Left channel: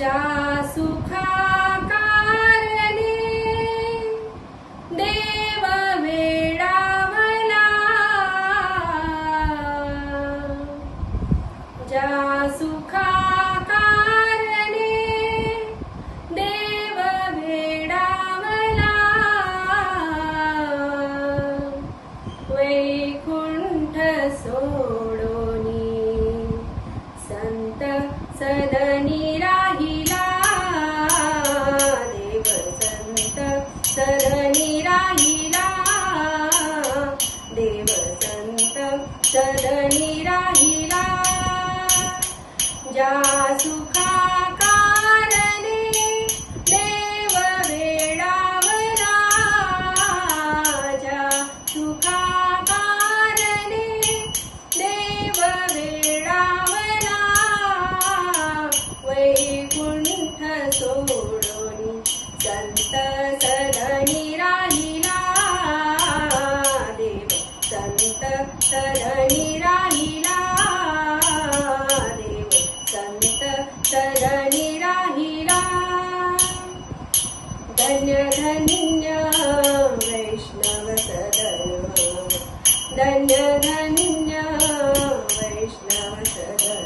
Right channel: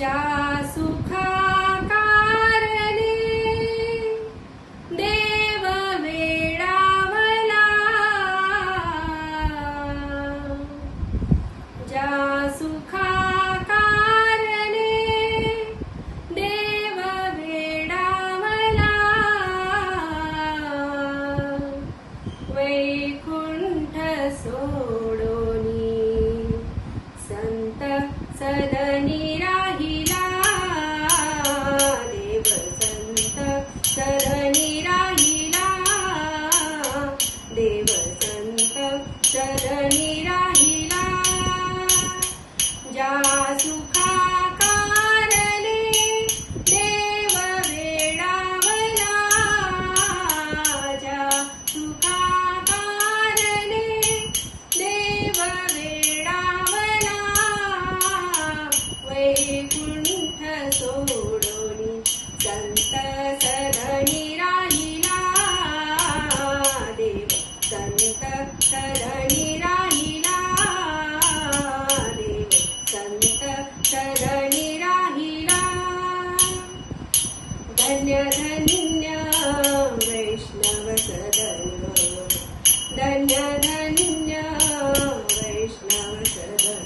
ज्या सुखाकारणे देव वेडावला, ज्या सुखाकारणे देव वेडावला, वैकुंठ सोडोनी संत सदनी राहिला, देव संत सदनी राहिला, देव संत सदनी राहिला, ज्या सुखाकारणे देव वेडावला, ज्या सुखाकारणे देव वेडावला, वैकुंठ सोडोनी संत सदनी राहिला, देव संत सदनी राहिला, देव संत सदनी राहिला. धन्य धन्य वैष्णव सदन, धन्य धन्य वैष्णव सदन,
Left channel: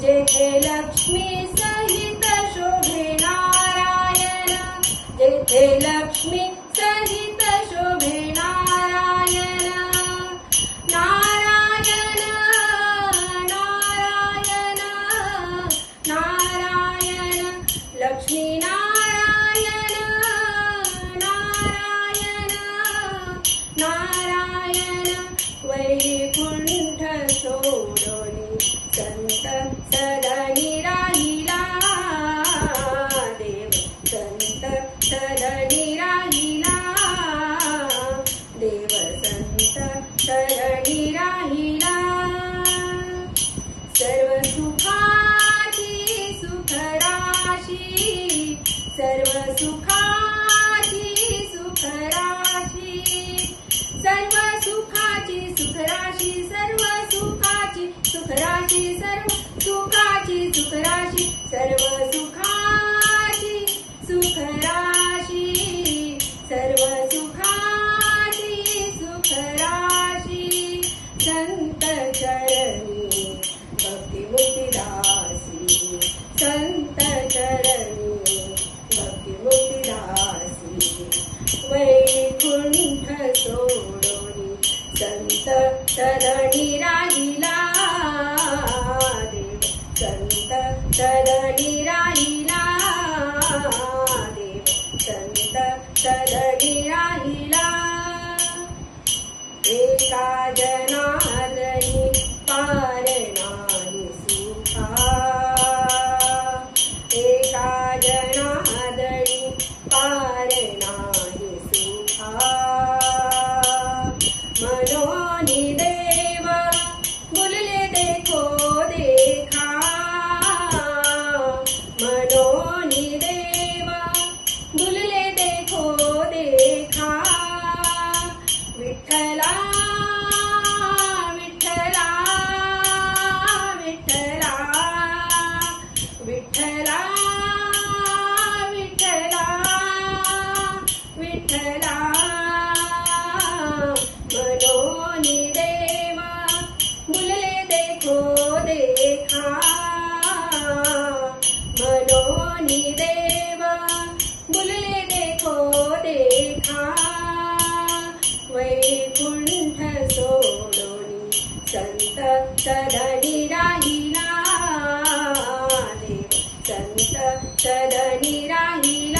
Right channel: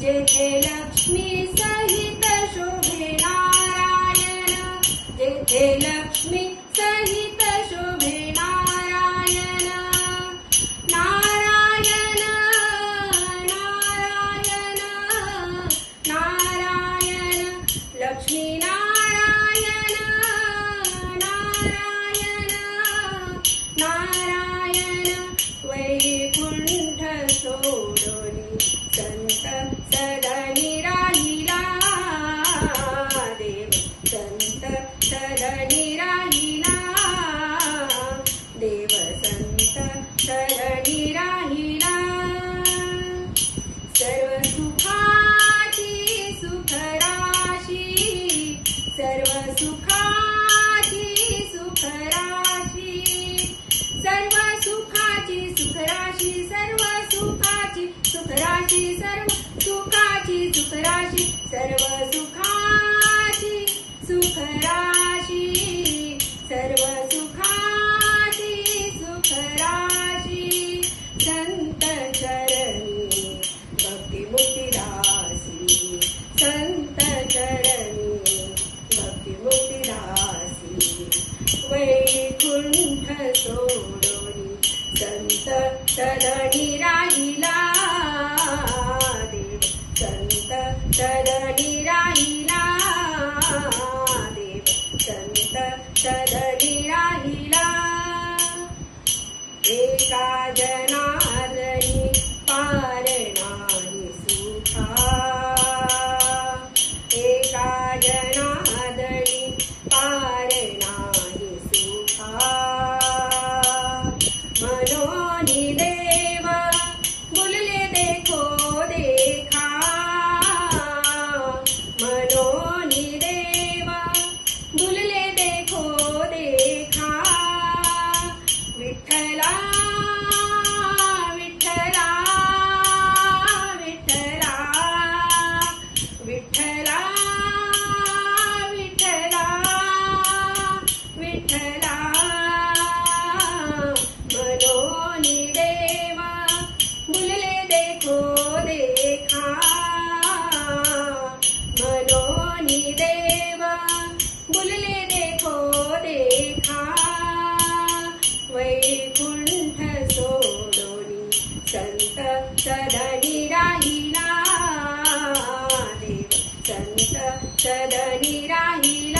जेथे लक्ष्मी सहित शोभे नारायण, जेथे लक्ष्मी सहित शोभे नारायण, नारायण नारायण नारायण, लक्ष्मी नारायण नारायण नारायण, वैकुंठ सोडोनी संत सदनी राहिला, देव संत सदनी राहिला, देव संत सदनी राहिला. सर्व सुखाची सुखराशी, सर्व सुखाची सुखराशी, सर्व सुखाची सुखराशी, सर्व सुखाची सुखराशी, सर्व सुखाची सुखराशी, सर्व सुखाची सुखराशी, सर्व सुखाची सुखराशी, संत चरणी भक्ती मुक्तिदासी, संत चरणी भक्ती मुक्तिदासी, वैकुंठ सोडोनी संत सदनी राहिला, देव संत सदनी राहिला, देव संत सदनी राहिला. एका जनार्दनी पार नाही सुखा, एका जनार्दनी पार नाही सुखा, मनोनी देव बोलले देखो देखा, मनोनी देव बोलले देखो देखा, विठ्ठला विठ्ठला विठ्ठला विठ्ठला विठ्ठला विठ्ठला, मनोनी देव बोलले देखो देखा, मनोनी देव बोलले देखो देखा, वैकुंठ सोडोनी संत सदनी राहिला, देव संत सदनी राहिला,